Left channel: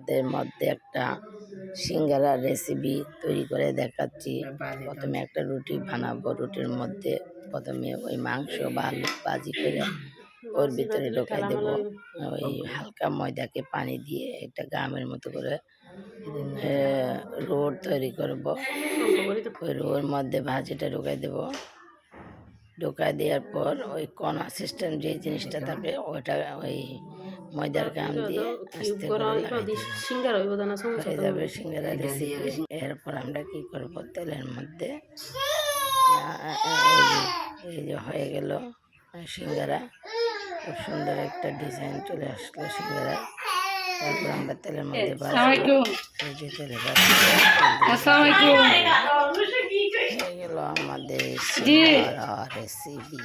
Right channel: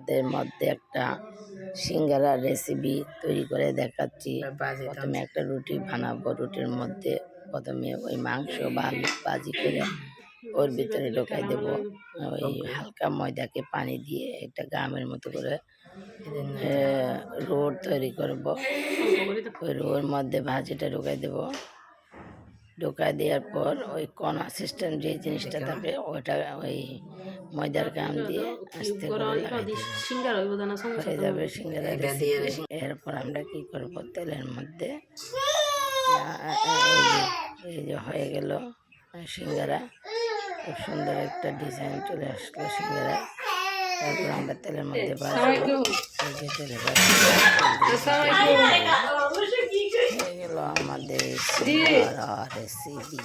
এর মধ্যে একটা সিঙ্গারার রেসিপি তৈরি করে দেখাচ্ছি। প্রথমে একটা রুটি বানাবো। রুটির মধ্যে প্রথমে ওই মাংস বা আলু ভাজি করে ওর ভিতরে ঢোকাই দেব। ওই হালকা ময়দাকে পানি দিয়ে একটা গামের মতো করে রোড তৈরি করব। ওই রোর মধ্যে ভাজিটা ঢোকাই দেব। ঢোকাই দেওয়ার পর ওই কণা সিস্টেম যে জিনিসটা থাকে ওটা ওই ময়দার গাম দিয়ে আস্তে করে লাগাই দেব। হয়ে যাবে সিঙ্গারা রেসিপি। এরপর আমরা কি করব, তেলের মধ্যে এই যে হয়ে গেল সিঙ্গারা। খুব সুন্দর একটা ডিজাইন চলে আসলো সিঙ্গারায়। তারপর আমরা তেলের মধ্যে ভাজবো। এই যে তেলে হয়ে গেল আমাদের সিঙ্গারা রেসিপি।